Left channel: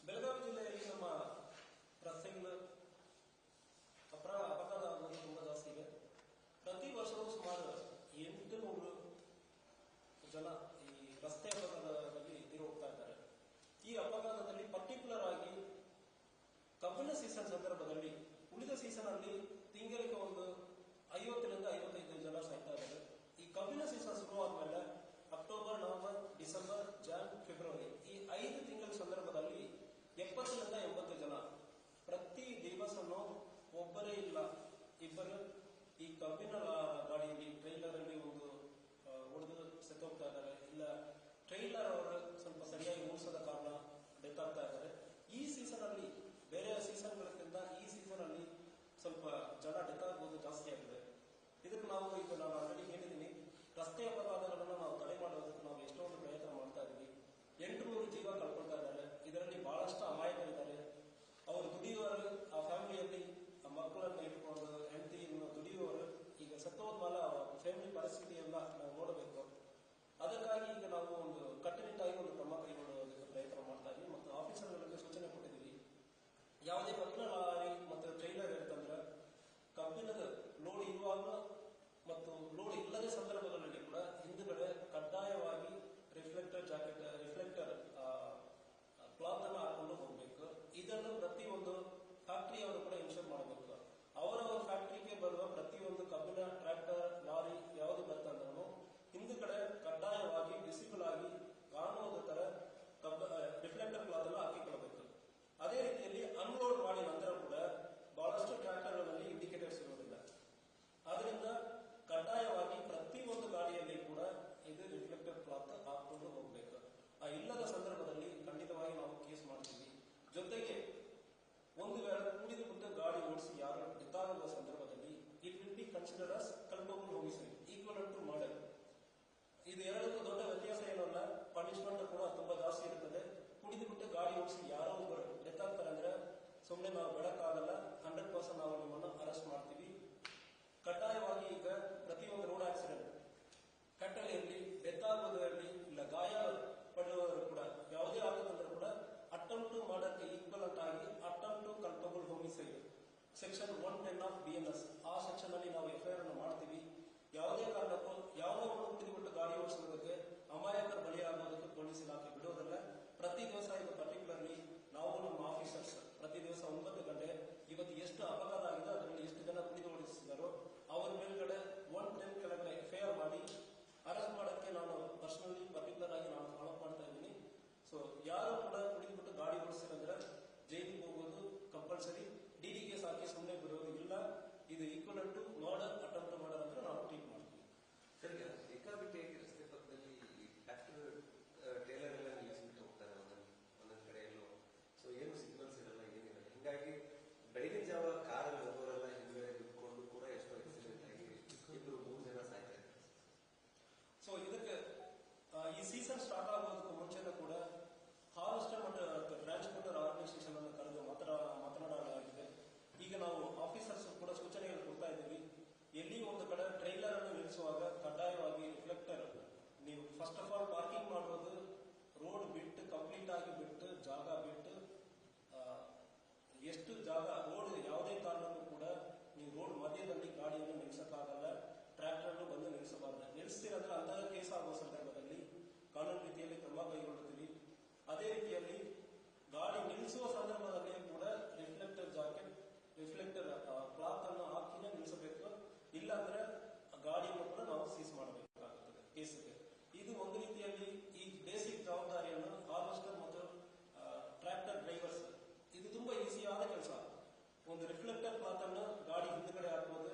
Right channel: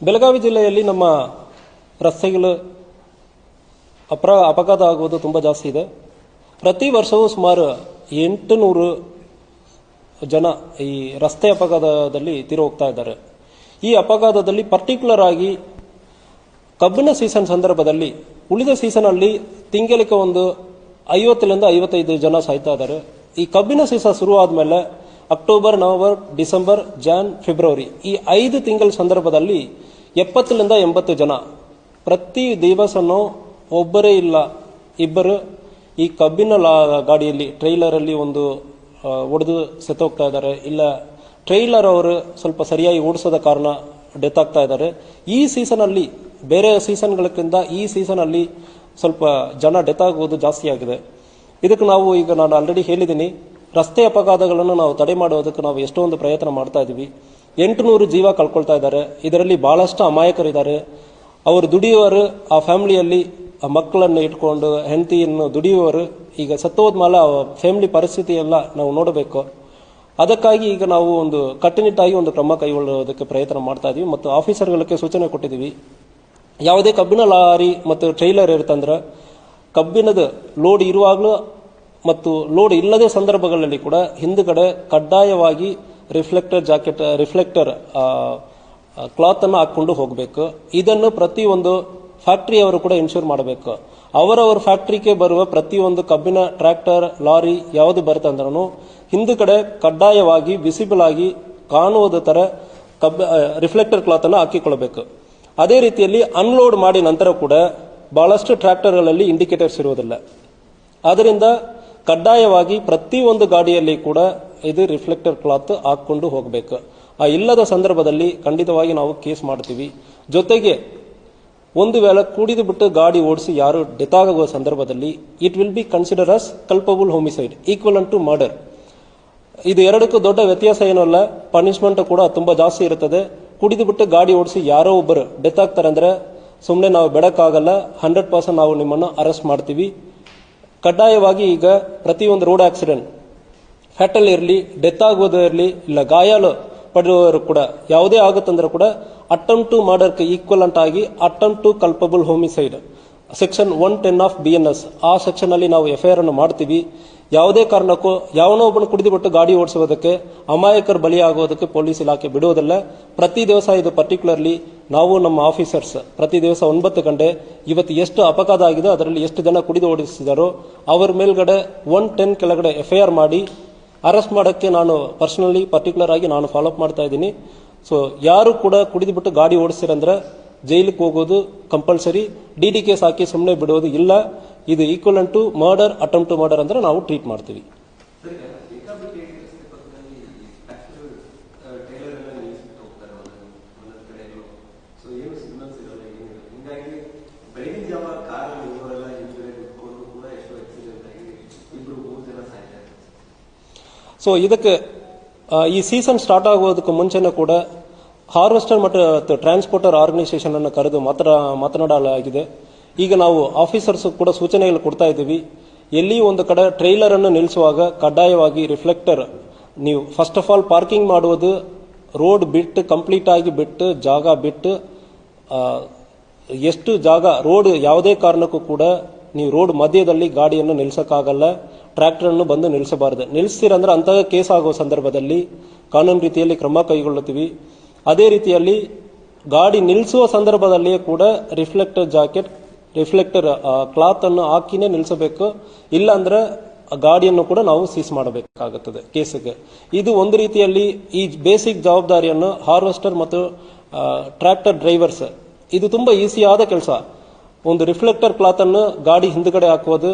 ಬೆಳಗಾವಿ ಜಿಲ್ಲೆಯಲ್ಲಿ ನಮ್ಮ ರಸ್ತೆಗಳು ಅಪಘಾತ ಆಗುವುದು ತುಂಬ ಜಾಸ್ತಿ ಇದೆ. ಪ್ರತಿ ವರ್ಷವೂ ಸುಮಾರು 800 ಜನ ಈ ರಸ್ತೆ ಅಪಘಾತದಲ್ಲಿ ತೀರಿ ಹೋಗ್ತಾ ಇದ್ದಾರೆ. ಈ ಅಪಘಾತದಲ್ಲಿ ಪರ್ಟಿಕ್ಯುಲರ್ ಆಗಿ ಕಬ್ಬಿನ ಸೀಸನ್ ಸಂದರ್ಭದಲ್ಲಿ, ಉಳಿದ ಸೀಸನಲ್ಲಿ ತಿಂಗಳಿಗೆ ಒಂದು 50ರಿಂದ 55 ಜನ ಸಾಯ್ತಾ ಇದ್ದಾರೆ. ಈ ಕಬ್ಬಿನ ಸೀಸನ್ ಶುರುವಾದ ಮೇಲೆ October, November, December, Jan, February ಈ 5 ತಿಂಗಳ ಸಂದರ್ಭದಲ್ಲಿ 70ರಿಂದ 80 ಜನ ಪ್ರತಿ ದಿವಸನೂ ಒಬ್ಬರೇ ಇಲ್ಲ ಇಬ್ಬರು ಈ ಕಬ್ಬಿನ ಗಾಡಿಯಲ್ಲಿ ಟ್ರೈಲರಲ್ಲಿ ಒಂದು ಒಡೆದು ಸತ್ತೋಗ್ತಾ ಇದ್ದಾರೆ. ಇಲ್ಲ ಟ್ರೈಲರ್ ಅವರು ಸ್ವಲ್ಪ ಸರಿಯಾಗಿ ಓಡಿಸೋದ ಕಾರಣ ಡೆತ್ ಆಗ್ತಾ ಇದ್ದಾರೆ. ಈ ಸೀಸನಲ್ಲಿ ಬೇರೆ ಸೀಸನ್ಗಳಕ್ಕಿಂತ ಈ ಸೀಸನಲ್ಲಿ ಸ್ವಲ್ಪ ಜನ ಡೆತ್ ಆಗುವುದು ಜಾಸ್ತಿ ಆಗಿದೆ. ಇದಕ್ಕೆ ನಾನು ಆಲ್ರೆಡಿ ಹೇಳಿದ್ದೀನಿ, ರಸ್ತೆ ಅಪಘಾತಗಳನ್ನು ನಾವು ತಡೆ ಮಾಡೋದಕ್ಕೆ ನಾವು ಎಷ್ಟೊಂದು ಪ್ರಯತ್ನ ಮಾಡ್ತಾ ಇದ್ದೀವಿ. 800 ಜೀವ ಕಳ್ಕೊಳ್ತಾ ಇದ್ದಾರೆ. ಇದರಲ್ಲಿ ಬಹಳಷ್ಟು ಅಮಾಯಕರಿದ್ದಾರೆ. ಅವರು ದುಡಿಯುವವರು, ಆ ಫ್ಯಾಮಿಲಿಯಲ್ಲಿ ಆ ಮಕ್ಕಳನ್ನು ಇಟ್ಕೊಂಡು ಹೆಂಡತಿಯನ್ನು ದುಡಿಯುವವರು ಈಗ ಸತ್ತೋದ್ಮೇಲೆ ಆ ಫ್ಯಾಮಿಲಿ ಪರಿಸ್ಥಿತಿ ಎಲ್ಲ ನಾವು ನೋಡಬೇಕು. ಅದಕ್ಕಾಗಿ ಈಗ ನಾವು ಒಂದು ಕಟ್ಟುನಿಟ್ಟಾಗಿ ಒಂದು ಕ್ರಮ ಕೈಗೊಳ್ಳುವುದಕ್ಕೆ ಪ್ರಯತ್ನ ಮಾಡ್ತಾ ಇದ್ದೀವಿ ಮತ್ತು ಆಫೀಸರ್ಗಳಿಗೆ ಸೂಚನೆ ಕೊಟ್ಟಿದ್ದೀವಿ. ಯಾವುದೇ ಕಬ್ಬಿನ ಲಾರಿ ಮತ್ತು ಟ್ರೈಲರ್ ಇರುತ್ತಂದ್ರೆ ಕಬ್ಬಿನದ ಲೋಡ್ ಇರುವಾಗಲೂ ಮತ್ತು ಲೋಡ್ ಇಲ್ಲದೆ ಸಂದರ್ಭಗಳಲ್ಲಿ ಕೂಡ ಹಿಂದುಗಡೆ ಕಡ್ಡಾಯವಾಗಿ ರಿಫ್ಲೆಕ್ಟರ್ ಕ್ಲಾತ್ ಅನ್ನು ಹಾಕೊಂಡು ಹೋಗಬೇಕು. ಇದನ್ನು ಪ್ರತಿಯೊಂದು ಫ್ಯಾಕ್ಟರಿಯವರು ಕೂಡ ಇನ್ಶೂರ್ ಮಾಡಬೇಕು. ಅವರವರ ಫ್ಯಾಕ್ಟರಿಗೆ ಬರುವ ಪ್ರತಿಯೊಂದು ಕಬ್ಬಿನ ಟ್ರ್ಯಾಕ್ಟರ್, ಲಾರಿ ಯಾವುದು ಬರುತ್ತೆ ಅಂದ್ರೂ ಹಿಂದುಗಡೆ ಕಡ್ಡಾಯವಾಗಿ ವಿಸಿಬಲ್ ಆಗಿ ಕಾಣುವುದ ತರ ರಿಫ್ಲೆಕ್ಟರ್ ಕ್ಲಾತ್ ಅನ್ನು ಹಾಕಿಕೊಳ್ಳಬೇಕು. ಅದೇ ರೀತಿಯಲ್ಲಿ ಅನ್ಲೋಡ್ ಮಾಡಿ ನಂತರ ಕೂಡ ಬಹಳಷ್ಟು ಟ್ರ್ಯಾಕ್ಟರ್ಗಳಲ್ಲಿ ಇಂಡಿಕೇಟರ್ಸ್ ಇರುವುದಿಲ್ಲ. ಆದ್ದರಿಂದ ಕಡ್ಡಾಯವಾಗಿ ಪ್ರತಿಯೊಂದು ಗಾಡಿಯಲ್ಲಿ ಕೂಡ ಇದು ರಿಫ್ಲೆಕ್ಟರ್ ಕ್ಲಾತ್ ಹಾಕೊಂಡು ಹೋಗಬೇಕು. ಆ ಇಲ್ಲದ ಸಂದರ್ಭದಲ್ಲಿ ಖಂಡಿತವಾಗಿ ನಾವು ಕೇಸ್ ಮಾಡ್ತೀವಿ. ಜೊತೆಗೆ ಒಂದು ವೇಳೆ ಕುಡಿದು ಬಿಟ್ಟು ಗಾಡಿ ಓಡಿಸಿ ಯಾರು ಡೆತ್ ಆಗುವ ಸಂದರ್ಭದಲ್ಲಿ it will be consider as culpable homicide equal to murder. ಇದು ಎರಡಕ್ಕೂ ದೊಡ್ಡ ವ್ಯತ್ಯಾಸ ಏನಲ್ಲ, ಪನಿಷ್ಮೆಂಟ್ ಕೂಡ ತುಂಬಾ ಜಾಸ್ತಿ ಇರುತ್ತದೆ. ಕುಡಿದು ಬಿಟ್ಟು ಗಾಡಿ ಓಡಿಸಿ ಯಾರೋ ಒಬ್ಬರು ಡೆತ್ ಆಗ್ತಾರೆ ಅಂದ್ರೆ ಸುಮ್ಮನೆ ನಾವು ಬಿಡಕ್ಕಾಗಲ್ಲ. 100% ನಾವು ನಿಮ್ಮನ್ನು ಅರೆಸ್ಟ್ ಮಾಡ್ತೀವಿ. ಕಡ್ಡಾಯವಾಗಿ ಈಗ ಪ್ರತಿಯೊಂದು ರೋಡ್ ಆಕ್ಸಿಡೆಂಟ್, ಫ್ಯಾಟಲ್ ಇರಲಿ, ಡೆತ್ ಆಗೋದು ಇರಲಿ, ಇಲ್ಲ ಗಾಯಾಳು ಪಡೆಯುವವರು ಕೂಡ ಯಾವುದೇ ಆಗುತ್ತಂದ್ರೆ ಕೂಡ ಅಟೆಂಪ್ಟ್ ಟು ಮರ್ಡರ್ಗೆ ಈಕ್ವಲೆಂಟ್ ಆಗಿ attempt to culpable homicide section 110 of BNS ಆ ಸೆಕ್ಷನ್ ಅಲ್ಲಿ ನಾವು FIR ಅನ್ನು ಮಾಡ್ತೀವಿ. ಯಾವುದೇ ಕಾರಣಕ್ಕೂ ಯಾವನೋ ಒಬ್ಬನು ಕುಡಿದುಬಿಟ್ಟು ಗಾಡಿ ಓಡಿಸುವುದಕ್ಕೆ, ಅಮಾಯಕರು ಬಲಿಯಾಗುವುದಕ್ಕೆ ಪೊಲೀಸ್ ಇಲಾಖೆ ಬಿಡುವುದಿಲ್ಲ. ಪ್ರತಿ ದಿವಸ ಇದು ಪರ್ಟಿಕ್ಯುಲರ್ಲಿ ನಾವು ನಮ್ಮ ಆಫೀಸರ್ಸ್ ಪ್ರತಿ ದಿವಸ 9 ಗಂಟೆ ಇವತ್ತು ಎಷ್ಟು ಅಪಘಾತ ಆಗಿದೆ, ಅದರಲ್ಲಿ ಎಷ್ಟು ಜನ ಕುಡಿದು ಓಡಿಸಿದಾರೋ ಅವರ ಮೇಲ್ಗಡೆ 110 ಕೆಳಗಡೆ FIR ಮಾಡಿ ಅರೆಸ್ಟ್ ಮಾಡೋಕ್ಕೆ ನಾನು ಪರ್ಸನಲಿ ಪರ್ಟಿಕ್ಯುಲರ್ ಆಗಿ ನಾನು ಫಾಲೋ ಅಪ್ ಮಾಡ್ತಾ ಇದ್ದೀನಿ. ಸೊ ಯಾರು ಕೂಡ ಕುಡಿದುಬಿಟ್ಟು ಗಾಡಿ ಓಡಿಸ್ತೀರಂದ್ರೆ ಜೈಲಿಗೆ ಹೋಗೋದು ಕಂಪಲ್ಸರಿ. DD ಕೇಸ್ ಹಾಕಿ ಸುಮ್ಮನೆ ಬಿಡೋದು ಇಲ್ಲ. ಇದು equivalent to murder, attempt to murder ಅಂದ್ರೆ ನಾವು ಟ್ರೀಟ್ ಮಾಡ್ತೀವಿ. ಸೊ ಇದಕ್ಕೆ ಈ ಸೀಸನ್ ಸ್ಟಾರ್ಟ್ ಆಗೋದಕ್ಕೆ ಮುಂಚೆನೂ ಕೂಡ ಹಾರ್ವೆಸ್ಟರ್ ಮತ್ತು ಟ್ರಾನ್ಸ್ಪೋರ್ಟರ್ ಆರ್ಗನೈಸೇಷನ್ ಅನ್ನು ಕರೆದು ಮಾತನಾಡಲಾಗಿದೆ. ಈಗ ನಾವು ಆಫೀಸರ್ಸ್ ಕೂಡ ಸೂಚನೆಗಳು ಕೊಡ್ತಾ ಇದ್ದೀವಿ. ಎಲ್ಲಿ ಒಂದು ಕಡೆ ಟ್ರೈಲರ್ ಅನ್ನು ನಿಲ್ಲಿಸುವಾಗ ಕಡ್ಡಾಯವಾಗಿ ರಿಫ್ಲೆಕ್ಟರ್, ನೀವು ಫಸ್ಟ್ ಆಫ್ ಆಲ್ ಪಾರ್ಕಿಂಗ್ ಮಾಡುವುದು ರೋಡ್ ಬಿಟ್ಟು ಕಂಪ್ಲೀಟ್ ಆಗಿ ಬಿಟ್ಟು ಜಾಗ ಬಿಟ್ಟು ಎಷ್ಟು ಜಾಗ ರೋಡ್ ಯಾವುದೇ ಕಾರಣಕ್ಕೂ ಕೂಡ ನೀವು ರೋಡ್ ಮಧ್ಯದಲ್ಲಿ ಗಾಡಿಯನ್ನು ನಿಲ್ಲಿಸಕ್ಕಾಗಲ್ಲ. ಟ್ರ್ಯಾಕ್ಟರ್ ಅನ್ನು ಬಂದು ನಿಲ್ಲಿಸಬಾರದು. ನಿಲ್ಲಿಸ್ತೀರಂದ್ರೆ ಅಂತಹ ಕೇಸ್ ಆಗುವ ಸಂದರ್ಭದಲ್ಲಿ ಕಾನೂನು ರೀತಿಯಲ್ಲಿ ಕ್ರಮ ಕೈಗೊಳ್ಳುತ್ತೀವಿ. ಅದೇ ರೀತಿಯಲ್ಲಿ ಗಾಡಿ ನಿಲ್ಲಿಸುವ ಸಂದರ್ಭದಲ್ಲಿಯೇ ಕೂಡ ರಿಫ್ಲೆಕ್ಟರ್ ಕ್ಲಾತ್ ಅನ್ನು ಹಾಕಿನೇ ನಿಲ್ಲಿಸಬೇಕು. ಇಲ್ಲ ಅಂದ್ರೆ ಗಾಡಿಯನ್ನು ಕೂಡ ನಾವು ಸೀಸ್ ಮಾಡಬೇಕಾಗುತ್ತದೆ ಕೇಸಿಗೆ. ಇದು ಒಂದು ರೀತಿಯಲ್ಲಿ ಈ ಬೇಸಿಕ್ ಜವಾಬ್ದಾರಿಯನ್ನು ಹಾರ್ವೆಸ್ಟರ್ ಮತ್ತು ಟ್ರ್ಯಾಕ್ಟರ್ ಡ್ರೈವರ್ಸ್, ಇದು ತುಂಬಾ ಈಸಿಯಾದ ಕೆಲಸ. ಒಂದು ರಿಫ್ಲೆಕ್ಟರ್ ಕ್ಲಾತ್ ಅನ್ನು ಗಾಡಿ ಹಿಂದುಗಡೆ ಹಾಕುವುದು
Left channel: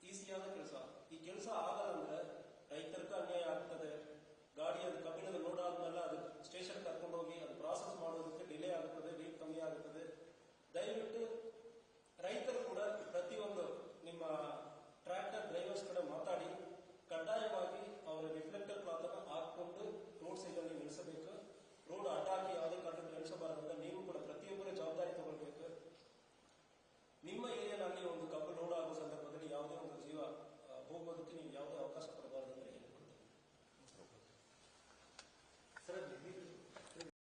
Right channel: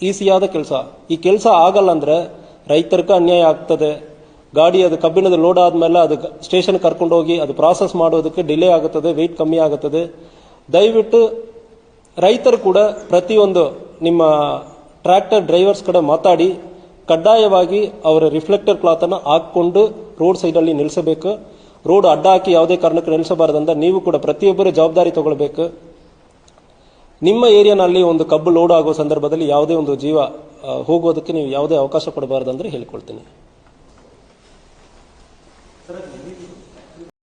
ಈಸಿಯಾದ ಕೆಲಸ. ಈ ಕೆಲಸ ಆಗಲ್ಲ ಅಂದ್ರೆ ರೈತರಿಗೆ ಅನ್ಯಾಯ ಆಗ್ತದೆ. ಗಾಡಿ ಅದು ಕಬ್ಬಿಣದ ಲೋಡ್ ಆದ್ಮೇಲೆ ಅದು ಸ್ಟೇಷನ್ ಕರ್ಕೊಂಡು ಹೋಗಿ ಅದು ಪ್ರಾಸೆಸ್ ಮಾಡೋದಕ್ಕೆ ಡಿಲೇ ಆಗುತ್ತದೆ, ವೆಯ್ಟ್ ಕಮ್ಮಿ ಆಗುತ್ತದೆ. ದಯವಿಟ್ಟು ರೈತರು ಕೂಡ ಪ್ರತಿಯೊಂದು ನಿಮ್ಮ ಟ್ರ್ಯಾಕ್ಟರ್ ಡ್ರೈವರ್ಸ್ ಕಡೆ ಮಾತಾಡಿ ಕಡ್ಡಾಯವಾಗಿ ಅವರ ರಿಫ್ಲೆಕ್ಟರ್ ಕ್ಲಾತ್ ಅನ್ನು ಹಾಕೊಂಡು ರೋಡ್ ಸೈಡ್ ಅಲ್ಲಿ ನಿಲ್ಲಿಸಬೇಕು. ರೋಡ್ ಅಡ್ಡ ಹಾಕಿ ಯಾವುದೇ ಕಾರಣಕ್ಕೆ ನಿಲ್ಲಿಸಬಾರದಂತ ನೀವು ಕೂಡ ಪ್ರತಿಯೊಬ್ಬರು ಜವಾಬ್ದಾರಿ ತಗೊಳ್ಬೇಕು. ನಿಮ್ಮ ಏರಿಯಾನಲ್ಲಿ ಒಂದು ಕಬ್ಬು ಲೋಡ್ ಆಗುವ ಸಂದರ್ಭದಲ್ಲಿ ಯಾವುದೇ ಒಂದು ಜೀವ ಹೋಗೋದಕ್ಕೆ ನೀವು ಯಾವುದೇ ಅವಕಾಶ ಕೊಡಬಾರದಂದ್ರೆ ಹೇಳ್ಕೊಳ್ತೀನಿ.